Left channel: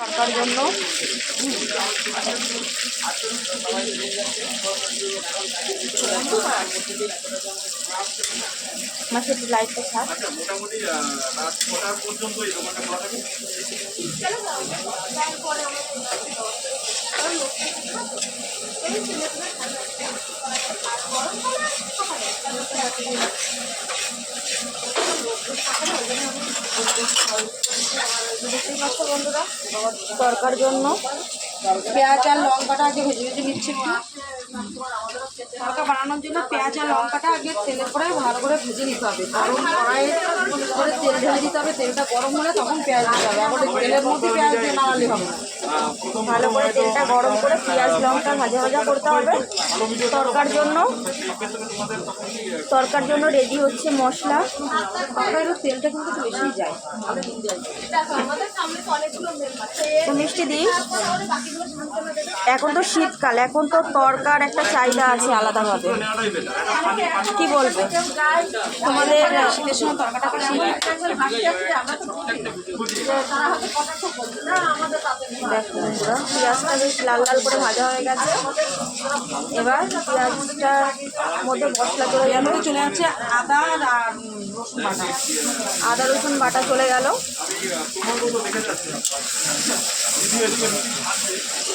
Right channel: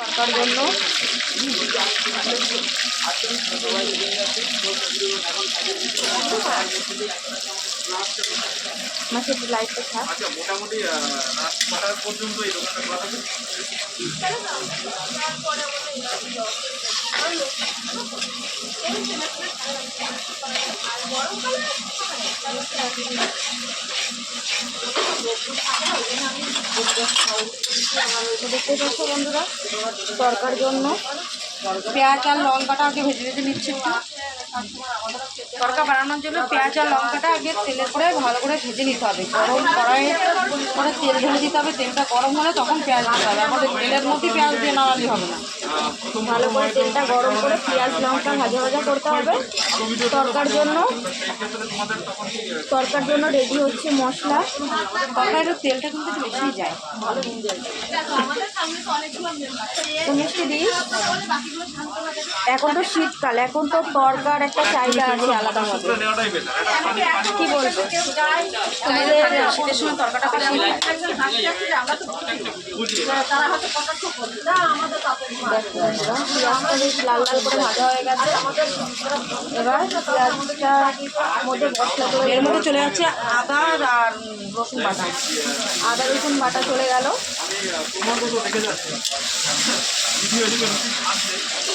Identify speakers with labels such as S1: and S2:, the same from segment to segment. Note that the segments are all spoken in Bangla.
S1: তরকার জন্য। মাছের লাইটটা থাক
S2: মোটামুটি পর্যন্ত এই
S1: দেখতেই পাচ্ছ বন্ধুরা তরকার জন্য
S3: পেঁয়াজ আর লঙ্কাটা আগে ভেজে ভেজে নিচ্ছি একটু। তরকা বানানোর জন্য পেঁয়াজ আর লঙ্কাটা আগে তেলের পরে ভালো করে ভেজে নিতে হবে। গরম কড়াইয়ে করে তেল ঢেলে দিতে হবে তেলটা গরম হলে তখন পেঁয়াজ দিতে হবে। তেলের মধ্যে পেঁয়াজ দিয়ে নামালে হবে।
S1: ভালো করে তেলটা গরম করে পেঁয়াজ লঙ্কা ভাজা ভাজা করতে হবে। তরকার জন্য তরকার জন্য রেডি হচ্ছে মশলা।
S3: তেলটা কিন্তু একটু বেশি যায়।
S1: তো মিষ্টি দি এখন তো শীতকাল এখন তো তরকার একটা চাহিদা আছে আলাদাভাবে। কি বলব? তোমাদের দেখো বন্ধুরা পেঁয়াজটা বেশ লাল লাল করে ভাজা হয়ে গেছে। এবার পেঁয়াজটার মধ্যে মশলা চলে গেল।
S3: চলে যাচ্ছে আদা আর রসুন বাটা।
S1: আদা রসুন বাটা চলে গেল।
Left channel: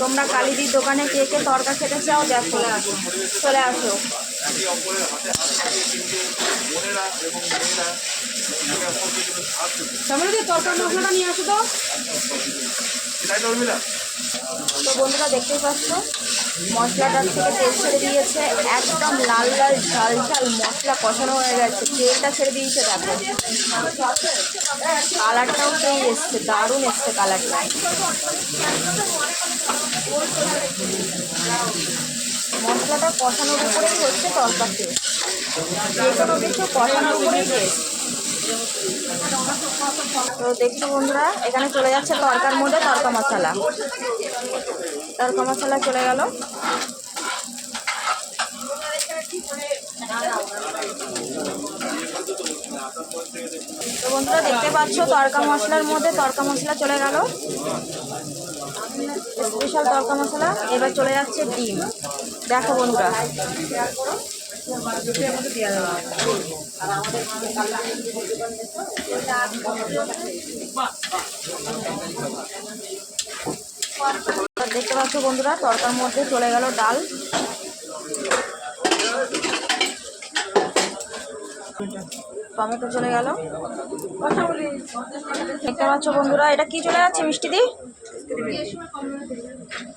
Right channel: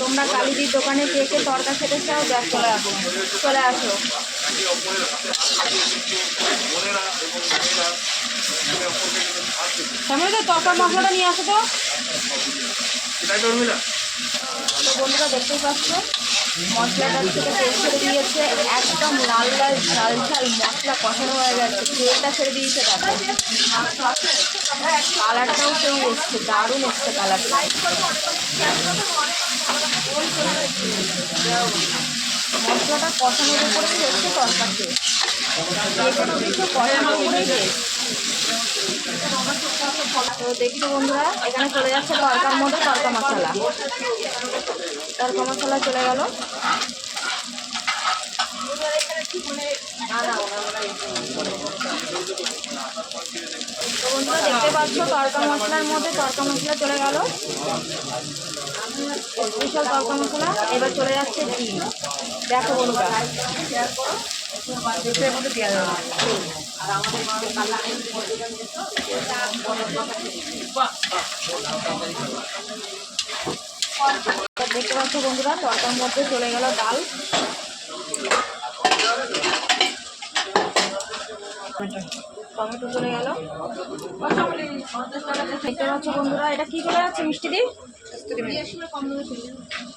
S1: তোমরা কালিদির দোকানে কে কে তরকা খেতে চাও? দেখো চলে আসো।
S3: সামনে তো মশলাটা নিয়ে আসো তো।
S2: তো
S1: বন্ধুরা দেখতেই পাচ্ছ মশলাটার থেকে তেল ছেড়ে দিয়েছে। একদম লাল লাল ঝাল ঝাল মশলা কষানো হয়ে গেছে। তেলটা ছেড়ে দিয়েছে দেখো। কালারটাও কেউ এসছে দারুণ এসছে কালারটা মশলাটা কষানোর উপরেই হচ্ছে তরকারি। যে কোনো কিছু কষানোর উপরেই টেস্ট তো দেখছ বন্ধুরা, এখানে চলে যাচ্ছে তরকার মধ্যে তরকা মশলা। তরকা মশলা চলে গেল। তো বন্ধুরা, দেখতে পাচ্ছ, তরকা মশলার মধ্যে তরকা মশলা চলে গেল। স্পেশাল তরকা মশলা, এবার চলে যাচ্ছে ডিম। দেখো বন্ধুরা। দেখতে পাচ্ছ বন্ধুরা, তরকার মধ্যে চলে গেল ডাল। টমেটো চলে গেল। দেখতে পাচ্ছ বন্ধুরা, এটা কি চলে যাচ্ছে মিষ্টি দি?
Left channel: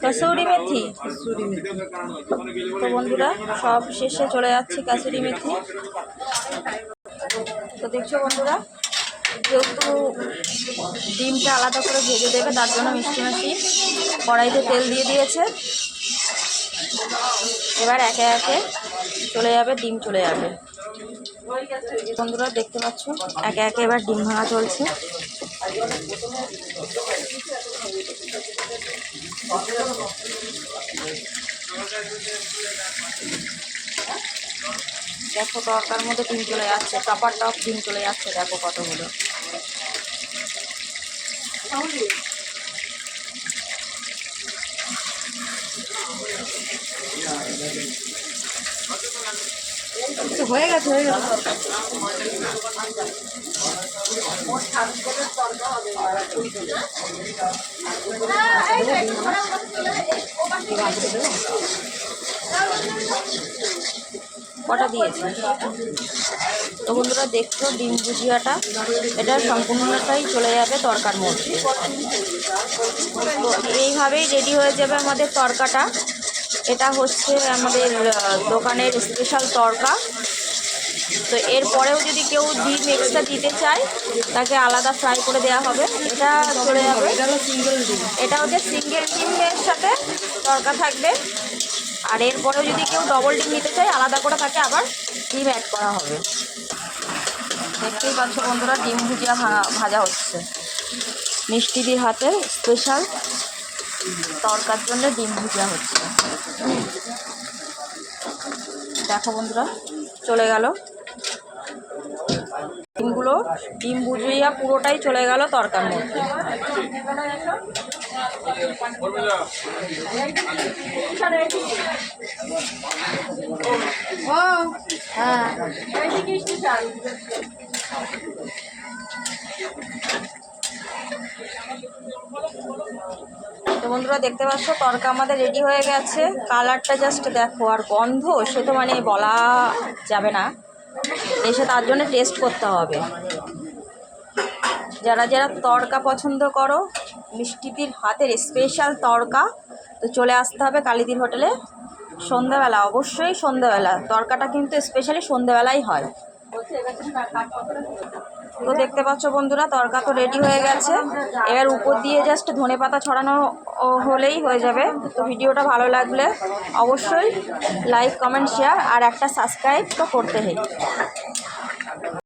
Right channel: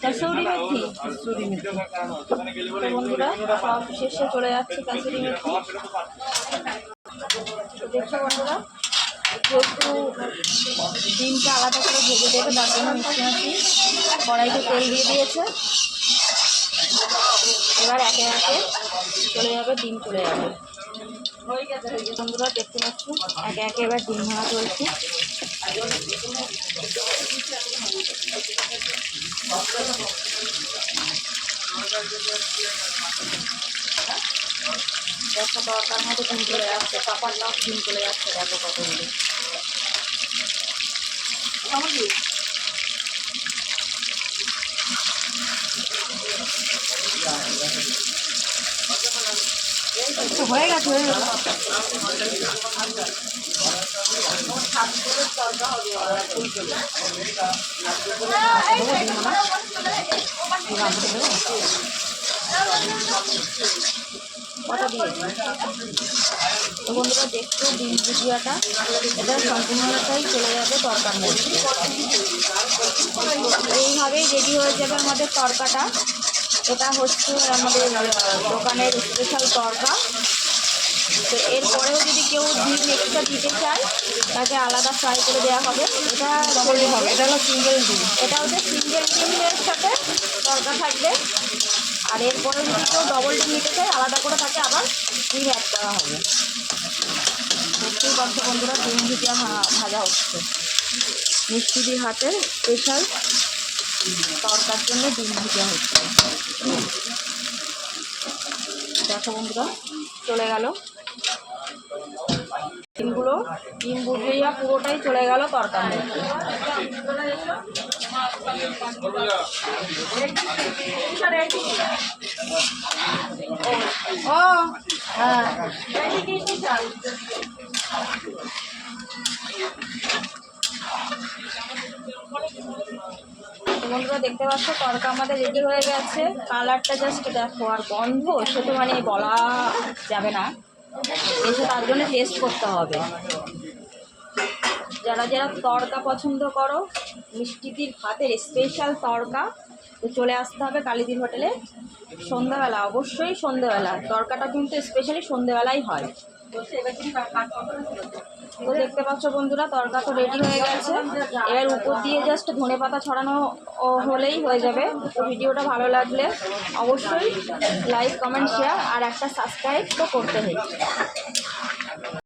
S1: কাসৌরি মেথি। তো বন্ধুরা, সব শেষে চলে যাচ্ছে কাসুরি মেথি। তো দেখছ বন্ধুরা যেহেতু ডিমটা আলাদা করে ভেজে দেবে, তার জন্য মিষ্টি মাছি কড়াইতে তেল দিয়ে দিয়েছে। এবার একে একে চলে যাবে, ডিম চলে যাবে। বন্ধুরা দেখতে পাচ্ছ, একে একে এবার ডিম ভাঙা চলছে। দেখো তরকার মধ্যে ডিম চলে যাচ্ছে কাপড়টাও ডিম চলে যাচ্ছে, দেখো কতগুলো।
S3: হয়ে গেছে
S1: বন্ধুরা দেখছ ডিম ভুজিয়াটা? এটা সম্পূর্ণটাই চলে যাবে তরকার মধ্যে। এইভাবেই রেডি হয়ে যাবে আমাদের তরকাটা। এটা হচ্ছে আমাদের দোকানের স্পেশাল তরকা। তো এরপরেও যদি কেউ ডিম এক্সট্রা দিতে চায়, তাকে আলাদা ফ্রাই করে দেওয়া হবে। এটা চলে যাবে।
S3: এটা
S1: হচ্ছে সিঙ্গেল ডিমের সাথে তরকা থাকবে। আর এরপরেও যদি কেউ ডবল ডিম নিতে চায়, আলাদা করে তাকে আবার ডিম অ্যাড করা হবে। দেখতেই পাচ্ছ বন্ধুরা, ডিম ভুজিয়া ভাজা হচ্ছে। মিষ্টি দিয়ে হাতের স্পেশাল তরকার জন্য ডিম ভুজিয়া হচ্ছে। দেখো বন্ধুরা, চলে গেল। ডিমগুলো ডিম বুঝিয়া পুরোটাই চলে গেল তরকার মধ্যে। তো বন্ধুরা দেখতে পাচ্ছ, তরকা আমাদের রেডি হয়ে গেছে। কালারটা জাস্ট দেখো, আর গন্ধ, সে তো মানে বলা যাবে না। এসে তার জন্য টেস্ট করতে হবে। যারা যারা তড়কা পছন্দ করো মিষ্টিদির হাতের স্পেশাল তড়কা, তো চলে আসতে হবে কালীদির হোটেলে সন্ধ্যাবেলা, অবশ্যই সন্ধ্যাবেলা। তড়কাটা কিন্তু স্পেশালি সন্ধ্যাবেলাই হয়। তো দেখতে পাচ্ছ বন্ধুরা, তরকা তো রেডি হয়ে গেছে। এবার উপর দিয়ে জাস্ট ধনে পাতা ছড়ানো হলেই হয়ে যাবে। তো ভিডিওটা ভালো লাগলে অবশ্যই লাইক কমেন্ট শেয়ার আর একটা সাবস্ক্রাইব তো করতে হয়